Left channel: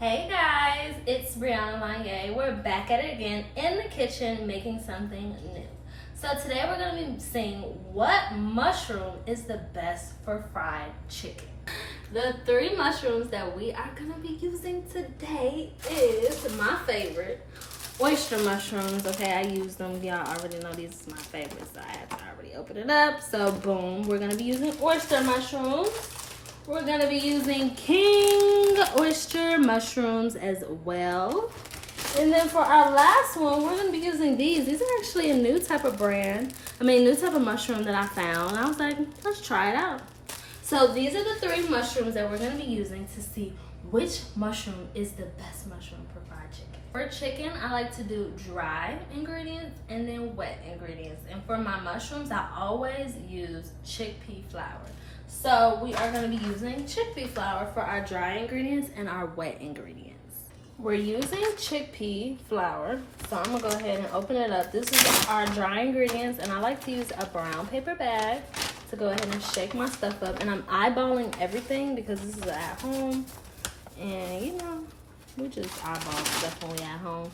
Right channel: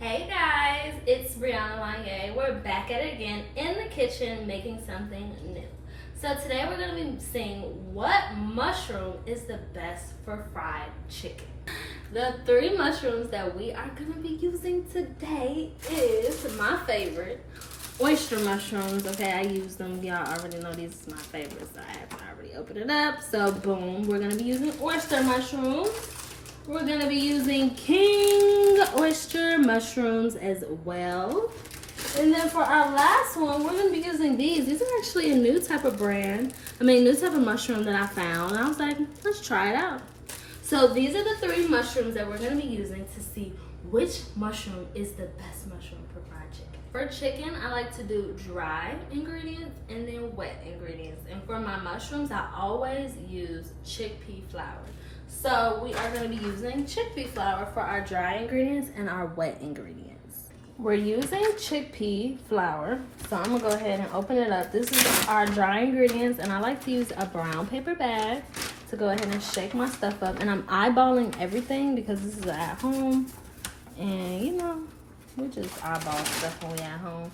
Hey guys, it's Brianna Lanye. We're back at it again in the kitchen making something new. So today we're going to be seeing what mushroom is the best for fried chicken. The three mushrooms that we are going to be using today is my favorite, oyster mushrooms. Okay, I use them. Y'all already know these is my favorites. So I have to already open it up. So boom, we're going to be using oyster mushrooms. We're going to be using king oyster mushrooms as well. And then for our last one, we're going to be using these. These are actually a new type of new type of mushroom that I found. And I was like, let's try it out. So these are the three mushrooms that we're going to be using to see which mushroom is the best mushroom for fried chicken. For chicken, I like to do dry ingredients and then wet ingredients. And for my mushrooms, I always use chickpea flour. So we are going to be using chickpea flour for our dry ingredients and our wet ingredients. We're using chickpea flour, so I'm going to go ahead and open it up. This is our dry ingredients, and I like to use a brown paper bag to go ahead and shake my stuff up. And I'm eyeballing everything because this is at home. And you know, we just eyeball stuff when we at home.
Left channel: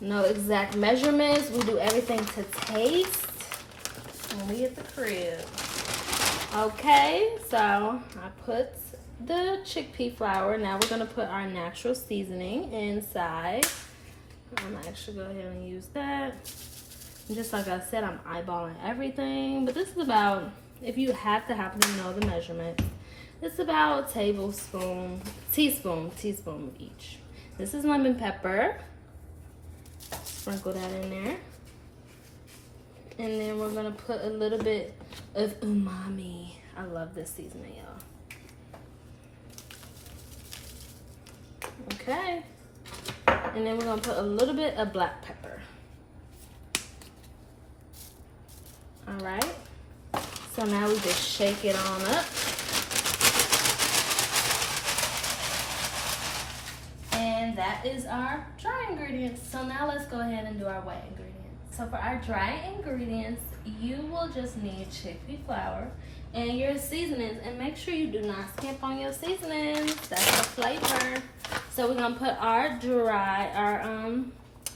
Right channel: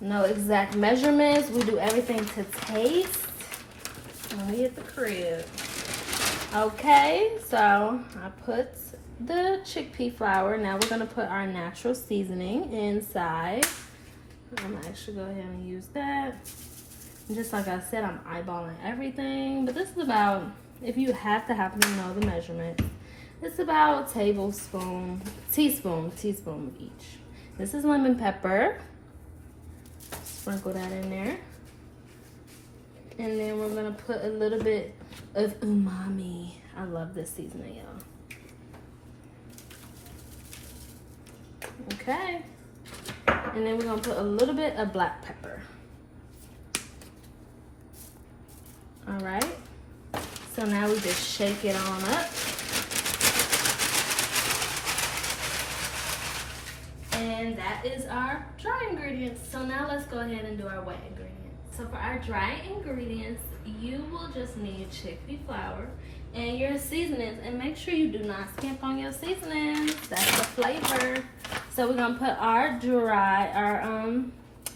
No exact measurements. We do everything to taste when we at the crib. Okay, so I put the chickpea flour. Now we're going to put our natural seasoning inside. I'm going to actually go ahead and use that. And just like I said, I'm eyeballing everything. But this is about, if you have to happen to know the measurement, it's about teaspoon of each. This is lemon pepper. Sprinkle that in there. And then we're going to put a little bit of umami. I love this seasoning, y'all. Okay. And then we're going to put a little bit of black pepper. All right. So now we just shake it on up. And that is our dry ingredients. So now let's go ahead and do our wet ingredients. So for our dry ingredients, you will just need chickpea flour and your seasonings. And make sure you do not skimp on your seasonings. That's the flavor. So we're going to put our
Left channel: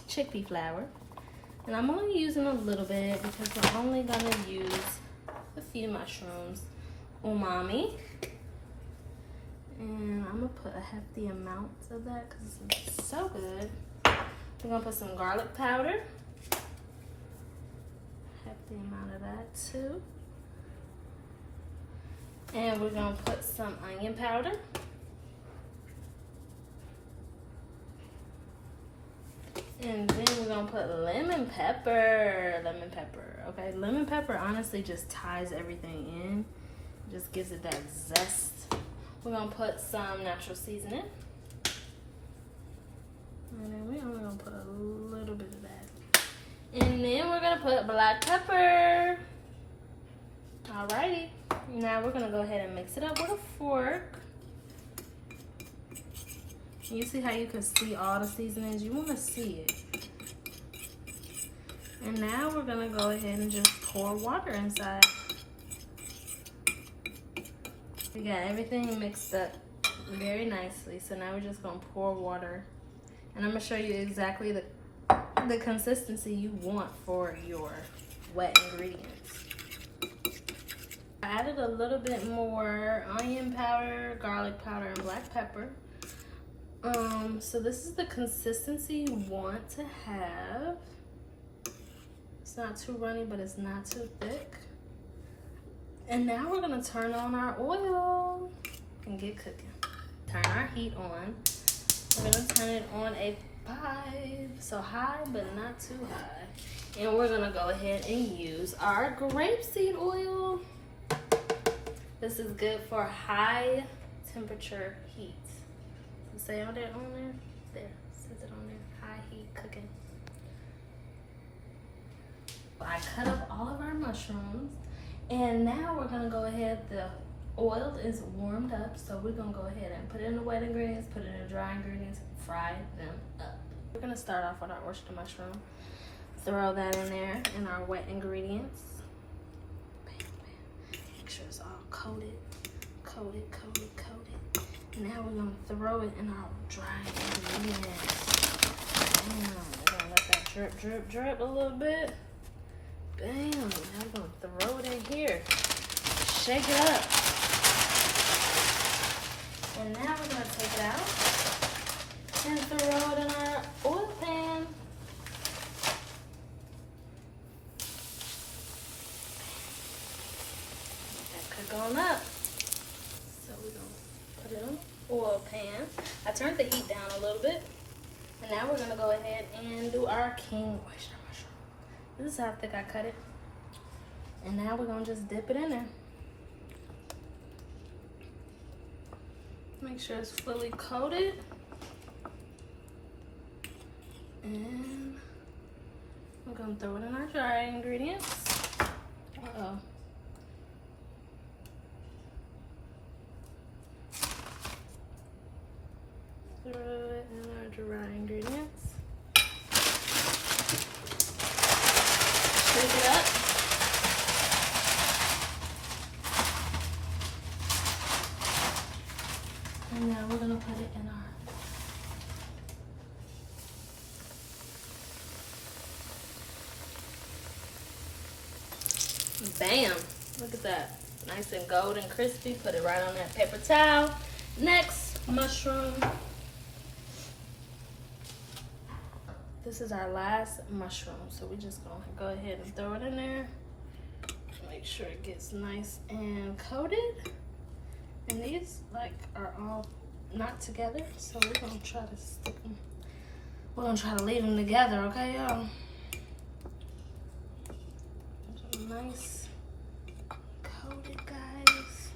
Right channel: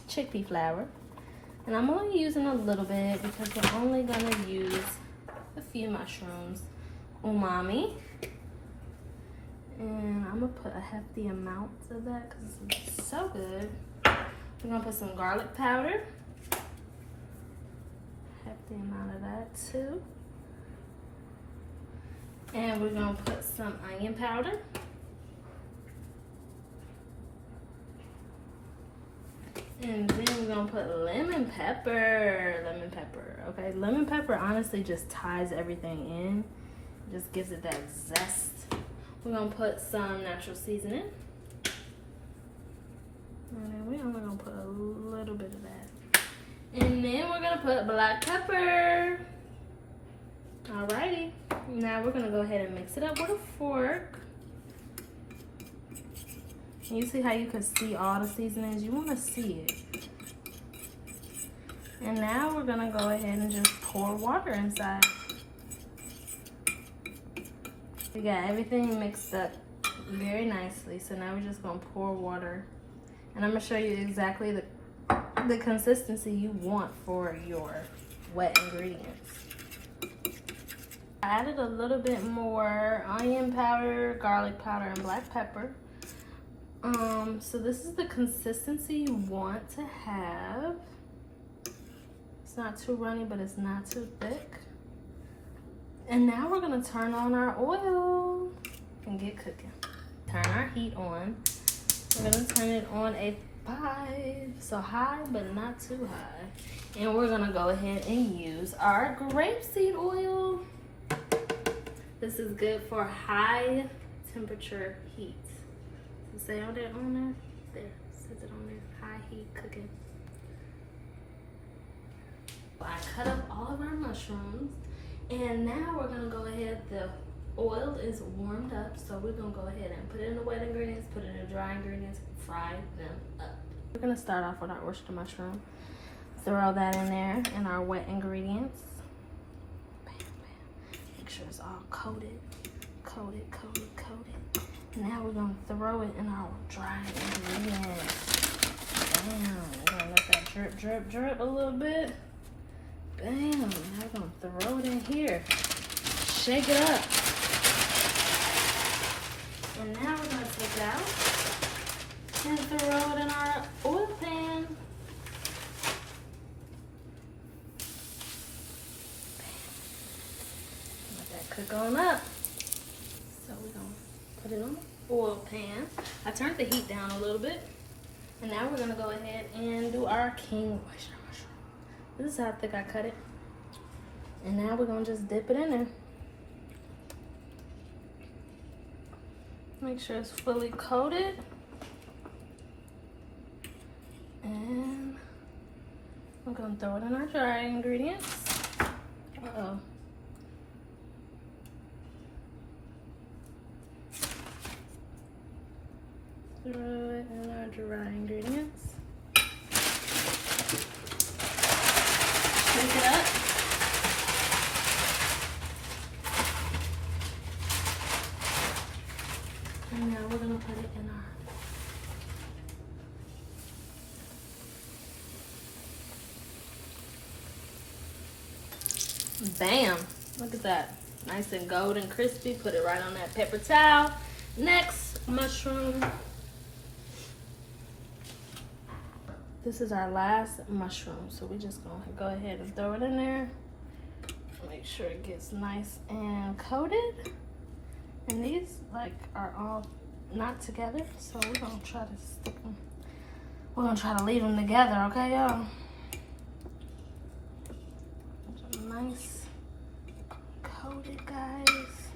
chickpea flour. And I'm only using a little bit because we're only going to use a few mushrooms. Umami. And I'm going to put a hefty amount of that because it's so good. We're going to put some garlic powder. Hefty amount of that too. And we're going to put some onion powder. And then we're going to put lemon pepper. Okay, lemon pepper honestly just ties everything in. Just gives it that zest. We're going to put some natural seasoning. And then we're only going to put a little bit of that. And then we're going to put black pepper. Alrighty. Now we're going to go ahead and mix it up with a fork. And you see how you can see all the seasonings? You want to see it. And now we're going to go ahead and just pour water inside. We got everything mixed up very nicely. So now we're just going to pour water. And I'm going to show you exactly the consistency you want for your wet ingredients. I added a little bit more onion powder, garlic powder, and black pepper. So this is the consistency you want to have. It's not too runny, but it's not too thick. And now we're gonna turn on our oil and get cooking. Turn our heat on. We're gonna turn it on a 5, so high but not too high. And we're gonna go ahead and use our grapeseed oil. This is good for high temperature heat. So say on there, there, says it on there, high heat cooking. I cut up all of our mushrooms, and now we're gonna go ahead, the oil is warmed up, so we're gonna go ahead and put it in the wet ingredients, put it in the dry ingredients, and fry them up. We're gonna start off with our oyster mushroom. Throw that in there and our wet ingredients. Bam, bam. Make sure it's all coated. Now we're gonna throw it in our dry ingredients. Bam. We're gonna let that drip, drip, drip a little bit. Bam. Now we're gonna throw it in here. Shake it up. And now we're gonna take it out and throw it in our oil pan. Let that cook on up. So we're gonna put it on the oil pan. I turned the heat down a little bit. And now we're gonna go ahead and do our king oyster mushroom. This is how thick I cut it. And now we're gonna just dip it in there. Make sure it's fully coated. And I'm gonna throw it in our dry ingredients. Uh-oh. Throw it in our dry ingredients. Shake it up. And now we're gonna put it in our bam! Look at that. Nice and golden crispy. Put it right on that paper towel. Next mushroom. This is our last mushroom. So we're just gonna go ahead and throw it in there. Make sure it gets nice and coated. And these are all not together. So we're gonna try to stick them. We're gonna try to leave them together, okay, y'all? Nice coated, guys.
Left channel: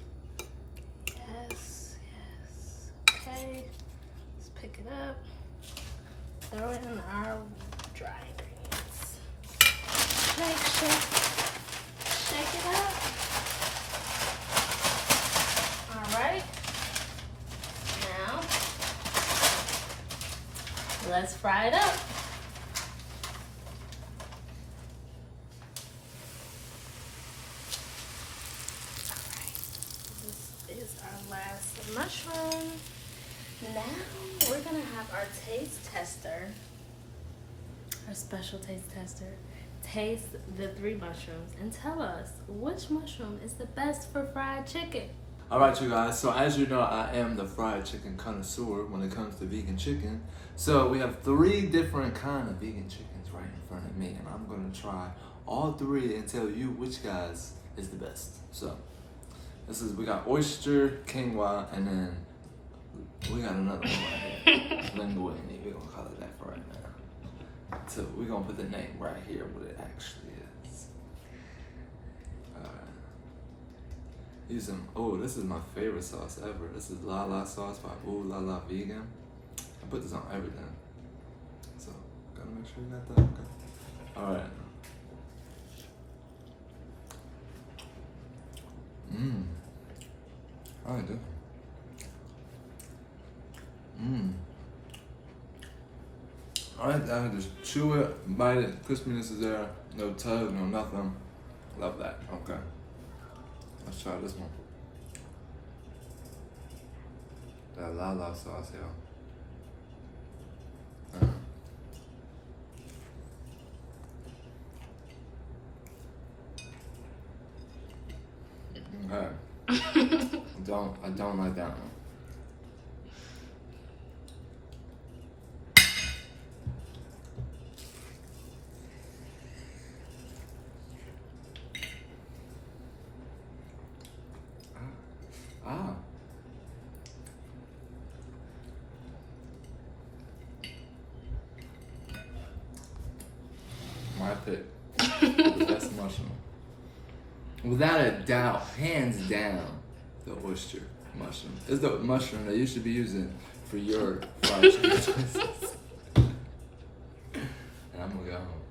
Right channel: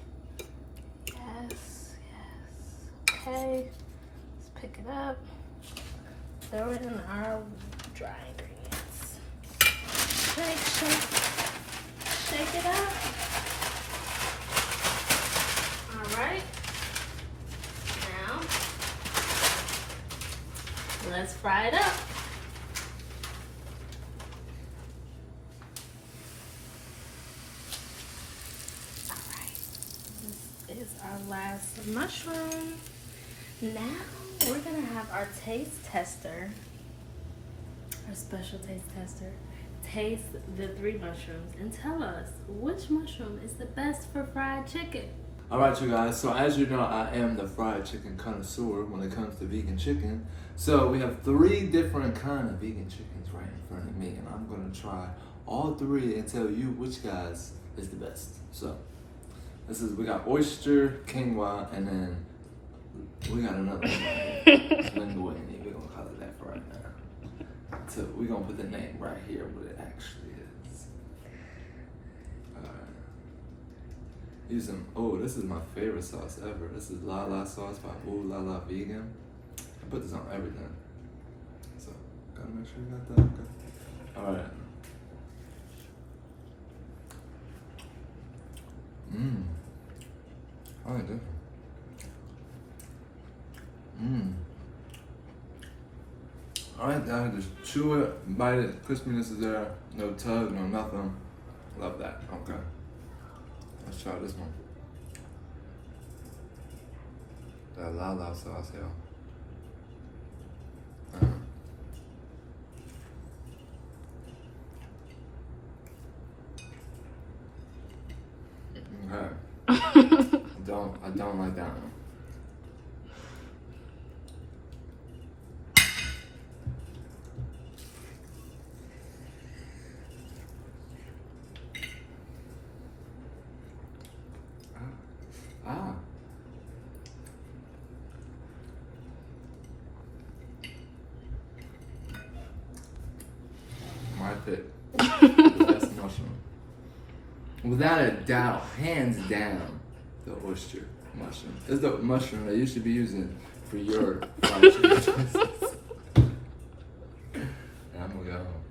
Yes, yes. Okay, let's pick it up. Throw it in our dry ingredients. Shake, shake, shake it up. All right. Now, let's fry it up. This is our last mushroom. Now we're gonna have our taste tester, our special taste tester, taste the 3 mushrooms and tell us which mushroom is the best for fried chicken. Alright you guys, so as you know, I am the fried chicken connoisseur when it comes to vegan chicken. So we have 3 different kind of vegan chickens right in front of me, and I'm gonna try all 3 and tell you which guys is the best. So we got oyster, quinoa, and then we got another one right here. Linguine, we're gonna call it that for right now. So we're gonna put the name right here, what it actually is. Oh, this is my favorite sauce ever. This is La La sauce by Ooh La La Vegan. I put this on everything. So, gotta make sure you got that. Okay. Alright. I like this. I just chew it, bite it, crispiness is there, no tug, no nothing. Love that. Okay. Let's try this one. That La La sauce, y'all. Okay. I don't like that one. My pick. The best mushroom. Without a doubt, hands down, the oyster mushroom. It's the mushroom that you should be using for your fried chicken choices. And I'm gonna go home.